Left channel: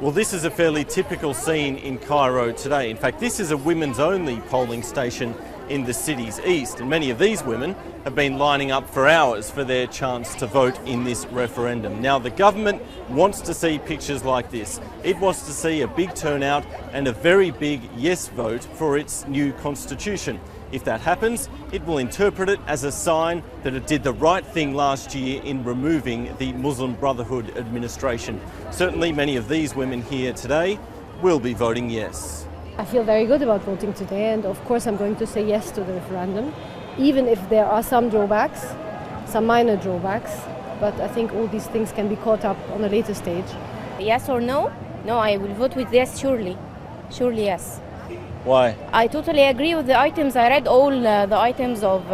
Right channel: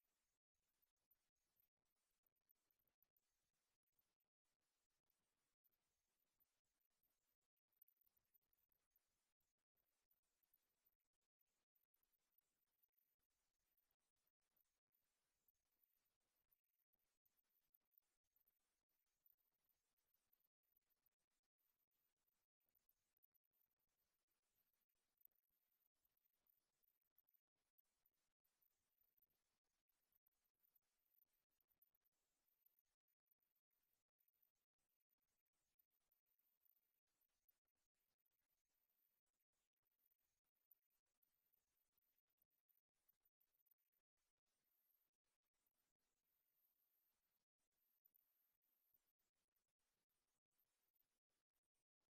Well, this is a fairly typical scene in Cairo today. In fact, this is a women's-only polling station in the city's east, and many of these women have been lining up for hours for their chance to vote in this referendum. Now, the government wants to see pictures like this. It wants to see a big turnout and a very big yes vote for its new constitution. If that happens, it will interpret it as a sign that it did the right thing last year in removing the Muslim Brotherhood administration. Certainly many of these women here today will be voting yes. I feel very good about voting today, and of course I'm going to say yes to the referendum, even if there are some drawbacks, some minor drawbacks, but I think all these things can be caught up on a later stage. Yes or no? No, I will vote with yes, surely. Surely yes. Why? I totally agree with the items. I read all the items of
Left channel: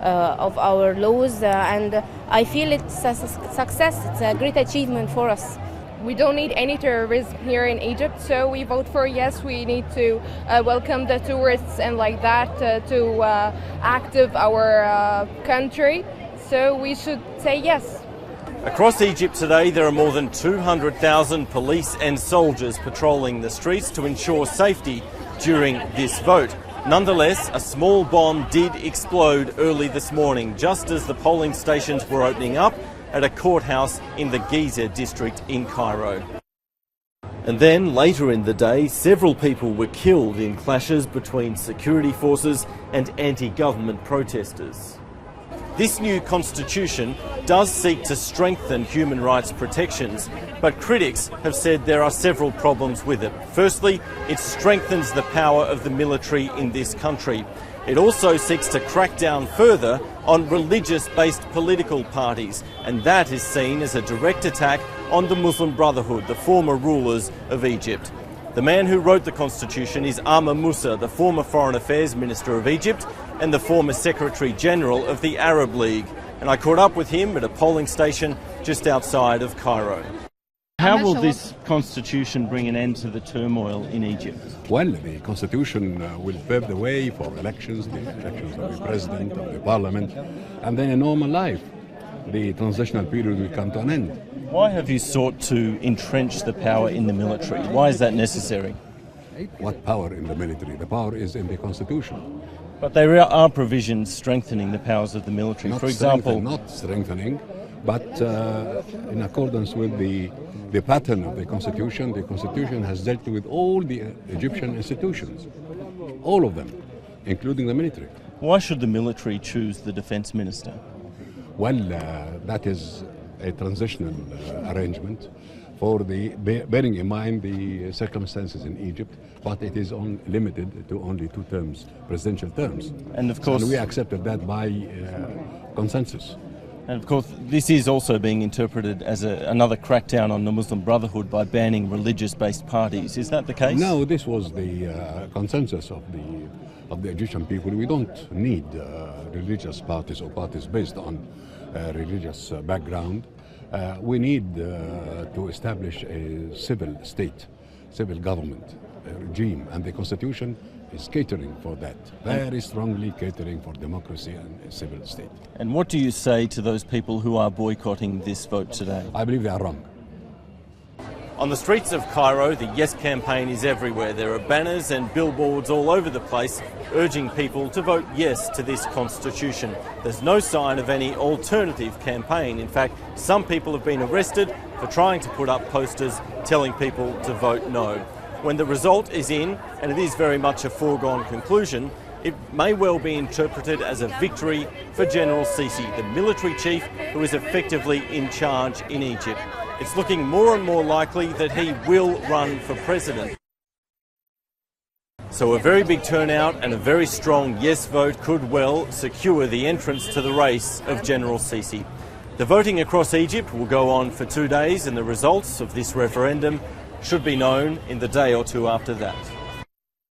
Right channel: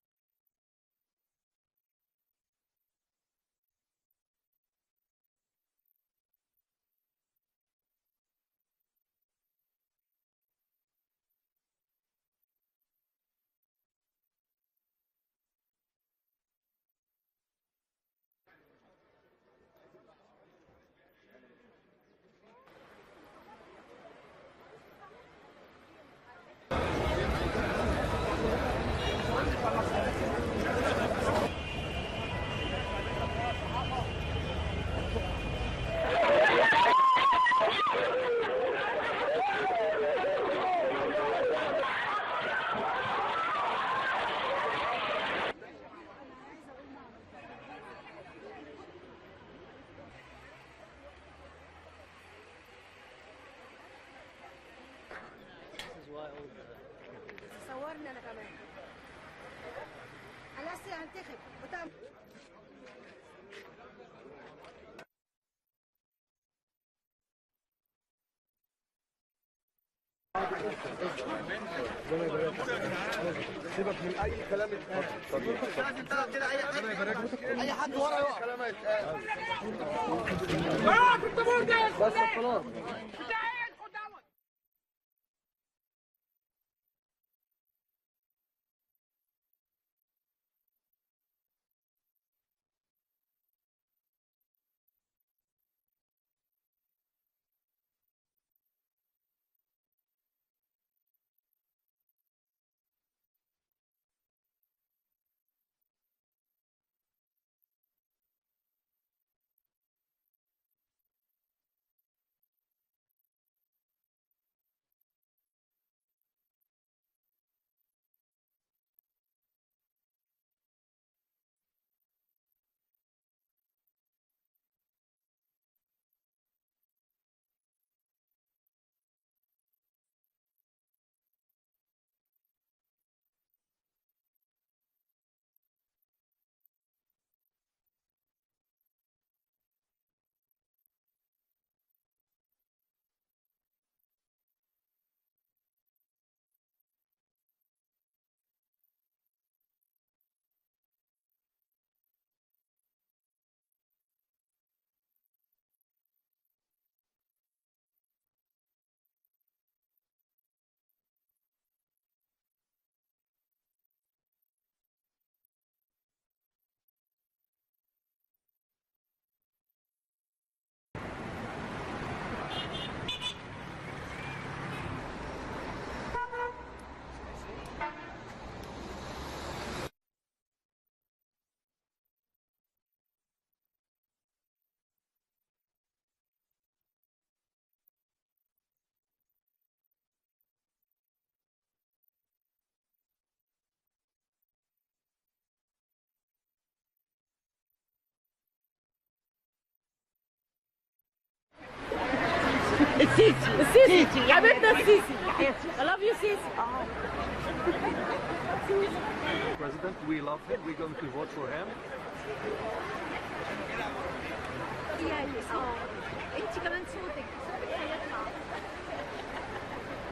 our laws, and I feel it's a success. It's a great achievement for us. We don't need any terrorism here in Egypt, so we vote for yes. We need to welcome the tourists and like that to active our country, so we should say yes. Across Egypt today, there are more than 200,000 police and soldiers patrolling the streets to ensure safety during this vote. Nonetheless, a small bomb did explode early this morning, just as the polling stations were opening up at a courthouse in the Giza district in Cairo. And then, later in the day, several people were killed in clashes between security forces and anti-government protesters. This new constitution does seek to strengthen human rights protections, but critics have said there are several problems with it. Firstly, it strengthens the power of the military in this country. It also seeks to crack down further on religious-based political parties, and that is seen as a direct attack on the Muslim Brotherhood, the former rulers of Egypt. The man who wrote the constitution is Amr Moussa, the former Foreign Affairs Minister of Egypt and the former Secretary General of the Arab League. And I caught up with him at a polling station just outside of Cairo. How will this constitution bring an end to the turmoil in Egypt? Well, the constitution will pave the way for elections, the elections of the president, of the parliament, and then a normal life. The transitional period will come to an end. Why have you sought to entrench the power in the military? Why is that necessary? What power in the military? The power is in the constitution. But there are provisions strengthening the powers of the military. For example, not strengthening, but in accordance with the pattern of the constitution has dealt with all the Egyptian institutions, all of them, including the military. Why should the military choose the defense minister? Well, that is a transitional arrangement for bearing in mind the circumstances in Egypt, but it is limited to only 2 terms, presidential terms. And of course, we accepted that by consensus. And of course, this is also being interpreted as another crackdown on the Muslim Brotherhood by banning religious-based parties. Is that the case? No, this was the consensus of the Egyptian people. We don't need religious parties or parties based on religious background. We need to establish a civil state, civil government regime, and the constitution is catering for that, very strongly catering for democracy and a civil state. And what do you say to those people who are boycotting this vote today? I believe they are wrong. On the streets of Cairo, the Yes campaign is everywhere. There are banners and billboards all over the place urging people to vote yes to this constitution. There's no sign of any alternative campaign. In fact, some people have been arrested for trying to put up posters telling people to vote no. When the result is in, and it is very much a foregone conclusion, it may well be interpreted as a victory for General Sisi, the military chief who is effectively in charge in Egypt. It's looking more and more likely that he will run for president. So a very big turnout and a very strong yes vote could well secure the entrance to the race of General Sisi. The voting across Egypt will go on for 2 days, and the results of this referendum should be known in the day or two after that.